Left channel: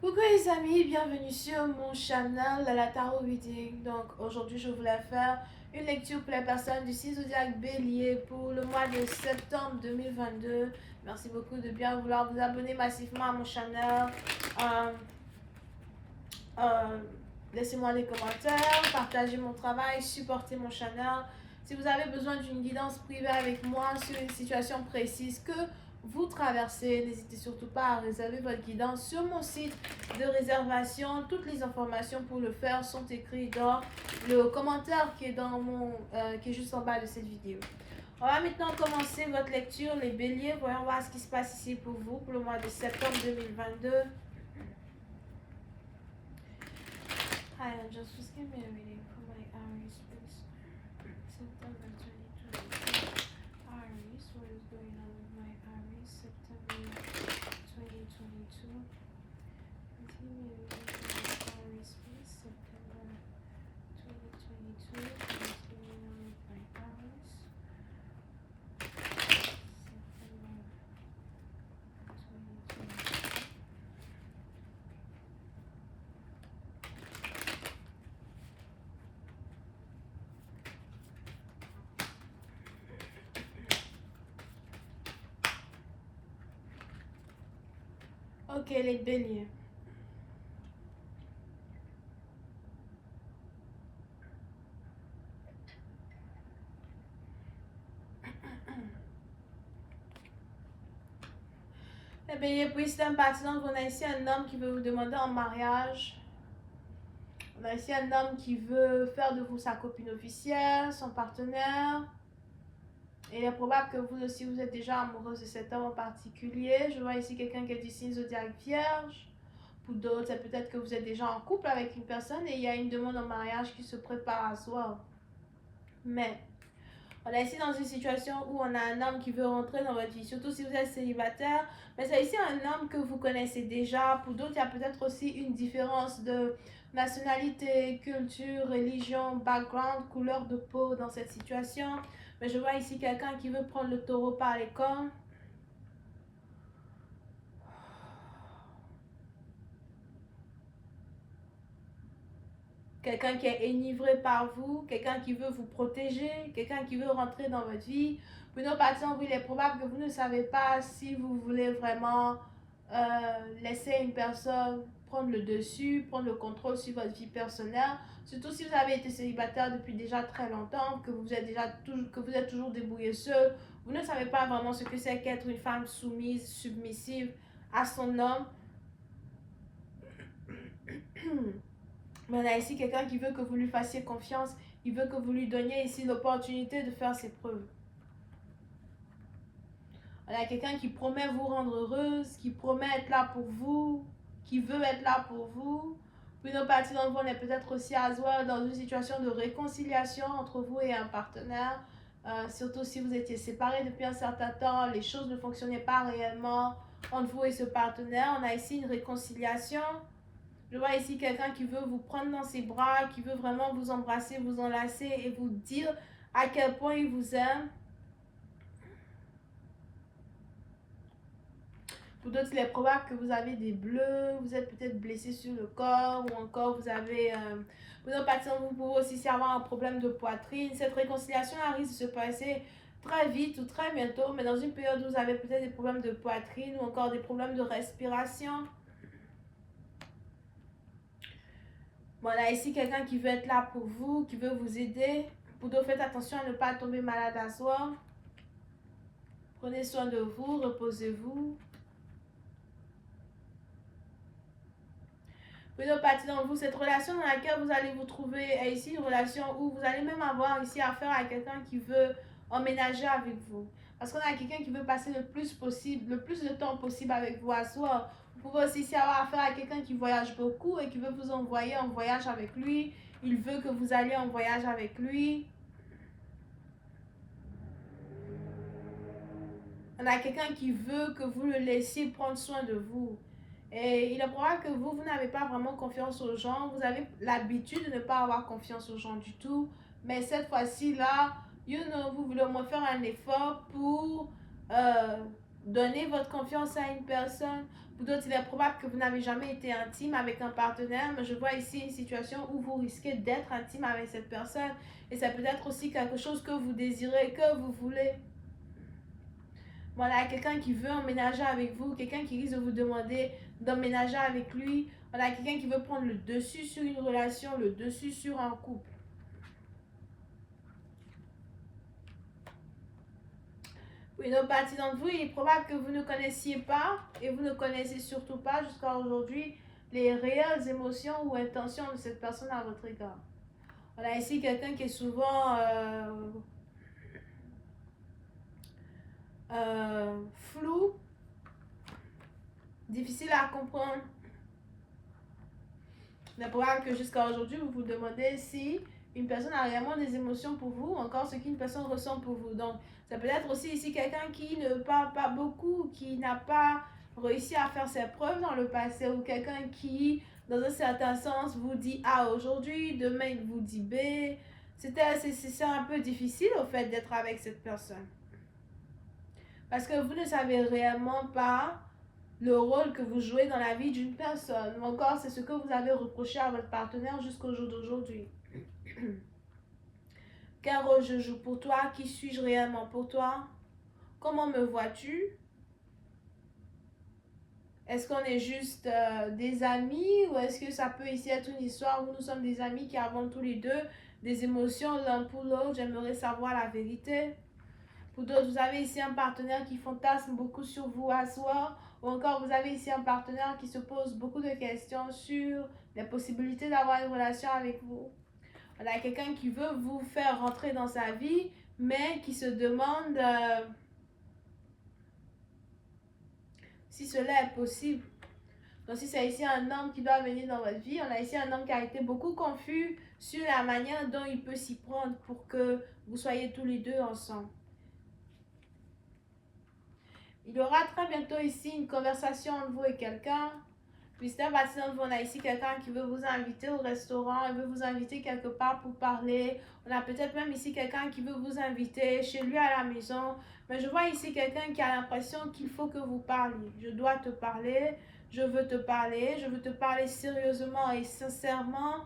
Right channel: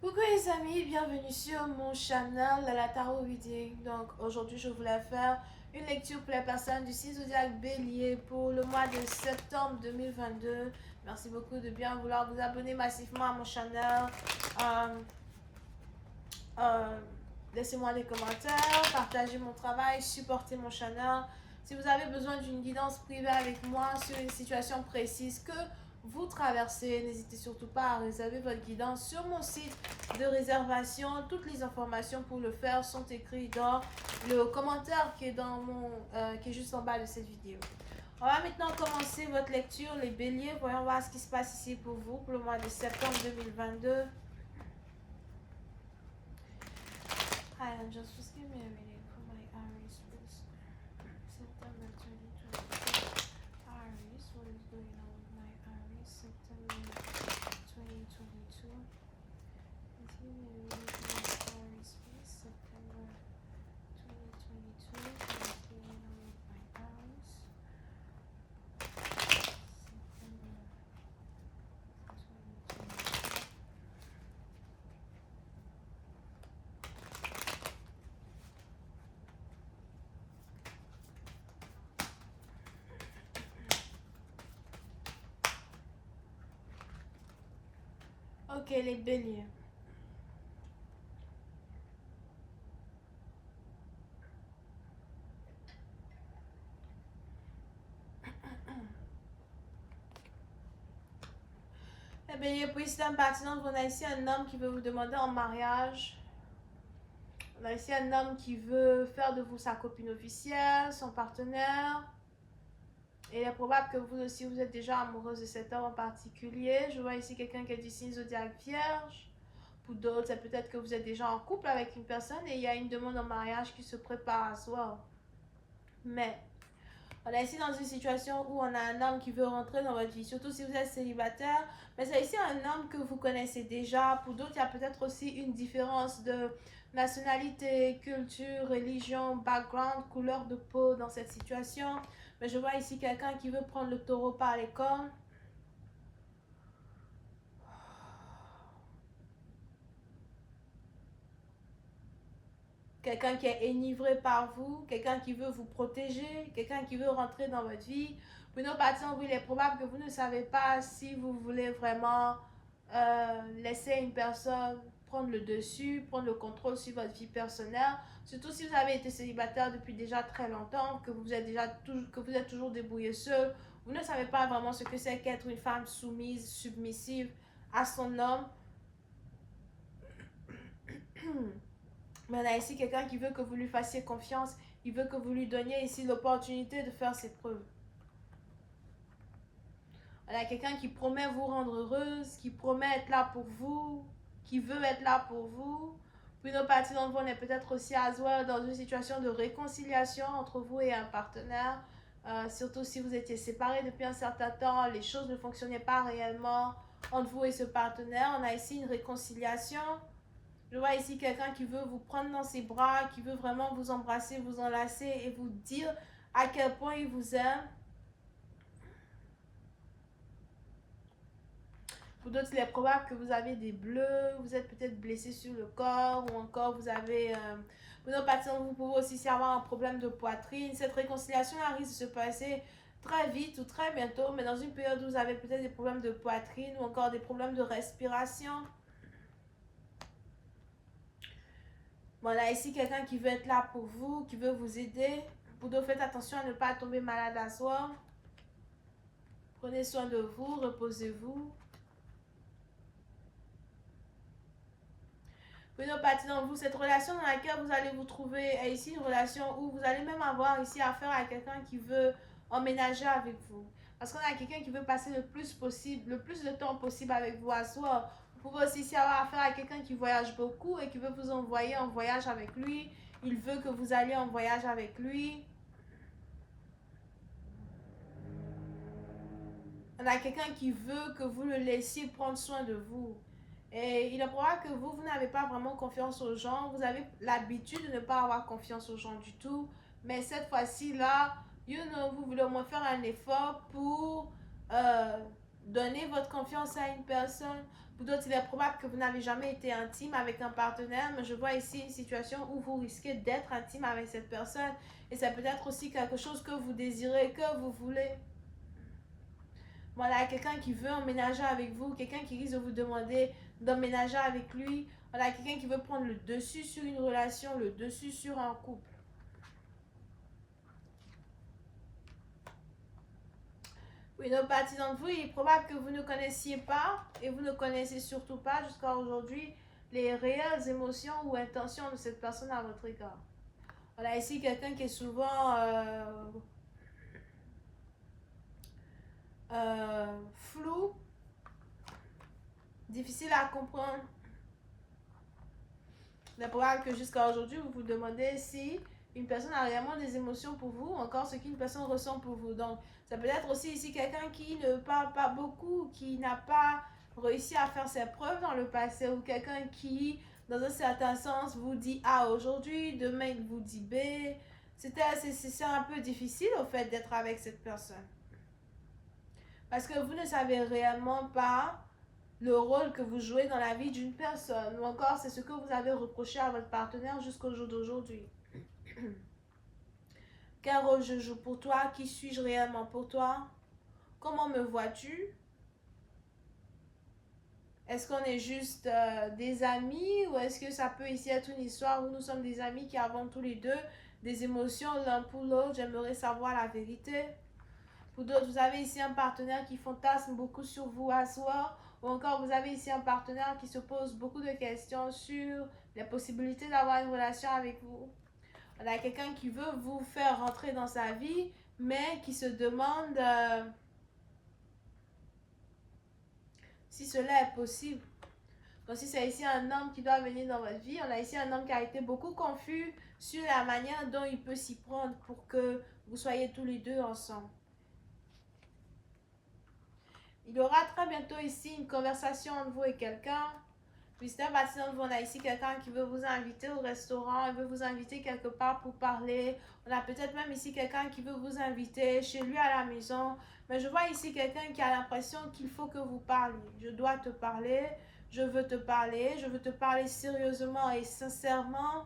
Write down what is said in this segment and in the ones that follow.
Coucou les amis, bienvenue sur mon channel de la Tarot Reading. Donc aujourd'hui je voulais faire une lecture pour les personnes du signe zodiaque Bélier pour le mois de septembre 2022. Merci beaucoup de bien vouloir vous abonner massivement à mon channel. Euh, euh, Laissez-moi des commentaires, partagez mon travail, supportez mon channel. Si vous avez besoin d'une guidance privée avec moi sur une situation précise que vous traversez, n'hésitez surtout pas à réserver votre guidance sur mon site de réservation. Toutes les informations pour le faire sont écrites dans le commentaire qui est, qui est juste en bas de cette vidéo. On va maintenant commencer votre lecture, les béliers. Voyons voir ce qui se passe ici pour vous pour le mois de septembre 2022. Hi angels, just give me a reading for my Aries, please. September 2022. Aries, what is going on with my Aries? September 2022. Just give me a reading for my Aries, please. September 2022. What is going on with my Aries? September 2022. Ok, les béliers. Les béliers, puis c'est un partenaire. On a ici un homme qui veut vous demander en mariage. On a ici un homme qui veut faire de vous sa copine officielle, son partenaire. Et il est probable que vous aussi, vous êtes déjà amoureuse de cet homme en particulier. Je vois ici quelqu'un qui est du signe zodiaque vierge. Pour d'autres, c'est peut-être que vous êtes déjà en couple avec une personne et il y a une demande en mariage qui se prépare à soi. Mais on est ici dans une situation où on a un homme qui veut rentrer dans votre vie, surtout si vous êtes célibataire. Mais c'est ici un homme que vous connaissez déjà. Pour d'autres, il y a peut-être aussi une différence de nationalité, culture, religion, background, couleur de peau dans cette situation. Mais je vois ici quelqu'un qui veut prendre le taureau par les cornes. Quelqu'un qui est enivré par vous, quelqu'un qui veut vous protéger, quelqu'un qui veut rentrer dans votre vie. Pour nos patients, il est probable que vous ne savez pas si vous voulez vraiment laisser une personne prendre le dessus, prendre le contrôle sur votre vie personnelle. Surtout si vous avez été célibataire depuis déjà très longtemps, que vous êtes toujours débrouillé seul. Vous ne savez pas vraiment ce que c'est qu'être une femme soumise, submissive à son homme. Mais on a ici quelqu'un qui veut que vous lui fassiez confiance. Il veut que vous lui donniez ici l'opportunité de faire ses preuves. On a quelqu'un qui promet vous rendre heureuse, qui promet être là pour vous, qui veut être là pour vous. Puis nos parties d'entre vous, on est peut-être aussi à soi dans une situation de réconciliation entre vous et un partenaire. Surtout si vous étiez séparés depuis un certain temps, les choses ne fonctionnaient pas réellement entre vous et ce partenaire. On a ici une réconciliation. Je vois ici quelqu'un qui veut vous prendre dans ses bras, qui veut vraiment vous embrasser, vous enlacer et vous dire à quel point il vous aime. Pour d'autres, il est probable que vous avez des bleus, vous êtes peut-être blessé sur le corps ou encore vous avez... pour nos patients, vous pouvez aussi avoir un problème de poitrine. Cette réconciliation risque de se passer très vite ou très bientôt, mais dans une période où vous avez peut-être des problèmes de poitrine ou encore des problèmes de respiration. Bon, là, ici, quelqu'un qui veut être là pour vous, qui veut vous aider. Pour d'autres, faites attention à ne pas tomber malade à soi. Prenez soin de vous, reposez-vous. Pour d'autres parties dans vous, cette relation dans laquelle vous allez vous trouver est ici une relation où vous allez même avoir ici affaire à quelqu'un qui veut emménager avec vous. Parce qu'on a quelqu'un qui veut passer le plus de temps possible avec vous à soi. Vous pouvez aussi ici avoir affaire à quelqu'un qui voyage beaucoup et qui veut vous envoyer en voyage avec lui. Il veut que vous alliez en voyage avec lui. On a quelqu'un qui veut que vous le laissiez prendre soin de vous. Et il est probable que vous n'avez pas vraiment confiance aux gens. Vous avez l'habitude de ne pas avoir confiance aux gens du tout. Mais cette fois-ci, là, vous voulez au moins faire un effort pour donner votre confiance à une personne. Pour d'autres, il est probable que vous n'avez jamais été intime avec un partenaire, mais je vois ici une situation où vous risquez d'être intime avec cette personne. Et ça peut être aussi quelque chose que vous désirez, que vous voulez. Voilà, quelqu'un qui veut emménager avec vous, quelqu'un qui risque de vous demander d'emménager avec lui. Voilà, quelqu'un qui veut prendre le dessus sur une relation, le dessus sur un couple. Pour une autre partie d'entre vous, il est probable que vous ne connaissiez pas et vous ne connaissez surtout pas jusqu'à aujourd'hui les réelles émotions ou intentions de cette personne à votre égard. On a ici quelqu'un qui est souvent flou, difficile à comprendre. Il est probable que jusqu'à aujourd'hui, vous vous demandez si une personne a réellement des émotions pour vous, ou encore ce qu'une personne ressent pour vous. Donc, ça peut être aussi ici quelqu'un qui ne parle pas beaucoup, qui n'a pas réussi à faire ses preuves dans le passé, ou quelqu'un qui, dans un certain sens, vous dit A aujourd'hui, demain il vous dit B. C'est un peu difficile, au fait, d'être avec cette personne. Parce que vous ne savez réellement pas le rôle que vous jouez dans la vie d'une personne. Ou encore, c'est ce que vous avez reproché à votre partenaire jusqu'au jour d'aujourd'hui. Quel rôle je joue pour toi? Qui suis-je réellement pour toi? Comment me vois-tu? Est-ce qu'on est juste des amis ou est-ce que ça peut ici être une histoire où nous sommes des amis qui avons tous les deux des émotions l'un pour l'autre? J'aimerais savoir la vérité. Pour d'autres, vous avez ici un partenaire qui fantasme beaucoup sur vous à soi. Ou encore, vous avez ici un partenaire qui se pose beaucoup de questions sur les possibilités d'avoir une relation avec vous. On a quelqu'un qui veut vous faire rentrer dans sa vie, mais qui se demande si cela est possible. Donc, si c'est ici un homme qui doit venir dans votre vie, on a ici un homme qui a été beaucoup confus sur la manière dont il peut s'y prendre pour que vous soyez tous les deux ensemble. Il y aura très bientôt ici une conversation entre vous et quelqu'un. Puis c'est un bâtiment, on a ici quelqu'un qui veut vous inviter au restaurant, il veut vous inviter quelque part pour parler. On a peut-être même ici quelqu'un qui veut vous inviter chez lui à la maison. Mais je vois ici quelqu'un qui a l'impression qu'il faut que vous parliez. Je dois te parler, je veux te parler sérieusement et sincèrement.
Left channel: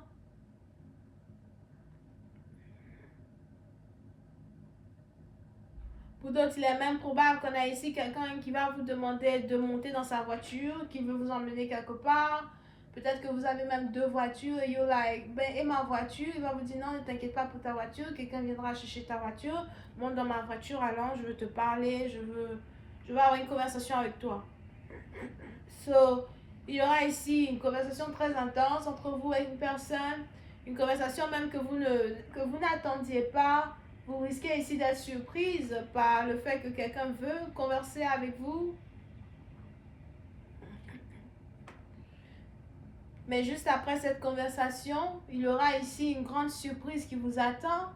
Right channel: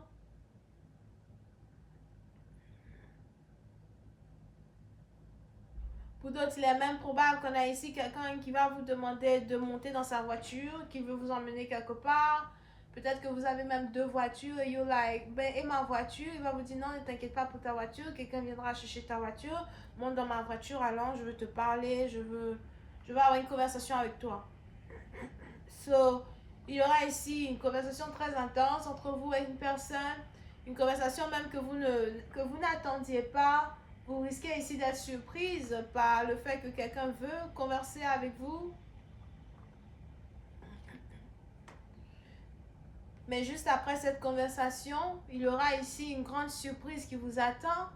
Pour d'autres, il est même probable qu'on a ici quelqu'un qui va vous demander de monter dans sa voiture, qui veut vous emmener quelque part. Peut-être que vous avez même deux voitures et you're like, ben, et ma voiture? Il va vous dire non, ne t'inquiète pas pour ta voiture, quelqu'un viendra chercher ta voiture, monte dans ma voiture, allons, je veux te parler, je veux avoir une conversation avec toi. So, il y aura ici une conversation très intense entre vous et une personne, une conversation même que vous n'attendiez pas. Vous risquez ici d'être surprise par le fait que quelqu'un veut converser avec vous. Mais juste après cette conversation, il y aura ici une grande surprise qui vous attend.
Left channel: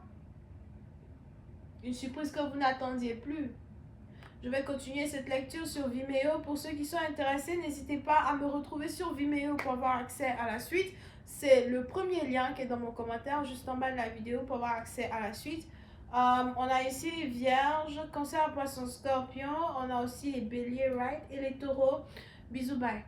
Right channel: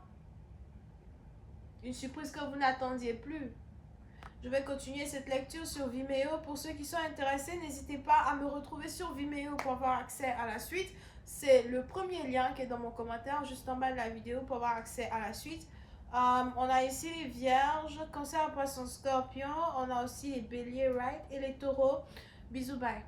Une surprise que vous n'attendiez plus. Je vais continuer cette lecture sur Vimeo. Pour ceux qui sont intéressés, n'hésitez pas à me retrouver sur Vimeo pour avoir accès à la suite. C'est le premier lien qui est dans mon commentaire, juste en bas de la vidéo pour avoir accès à la suite. On a ici les vierges, cancer, poisson, scorpion. On a aussi les béliers, right? Et les taureaux. Bisous, bye.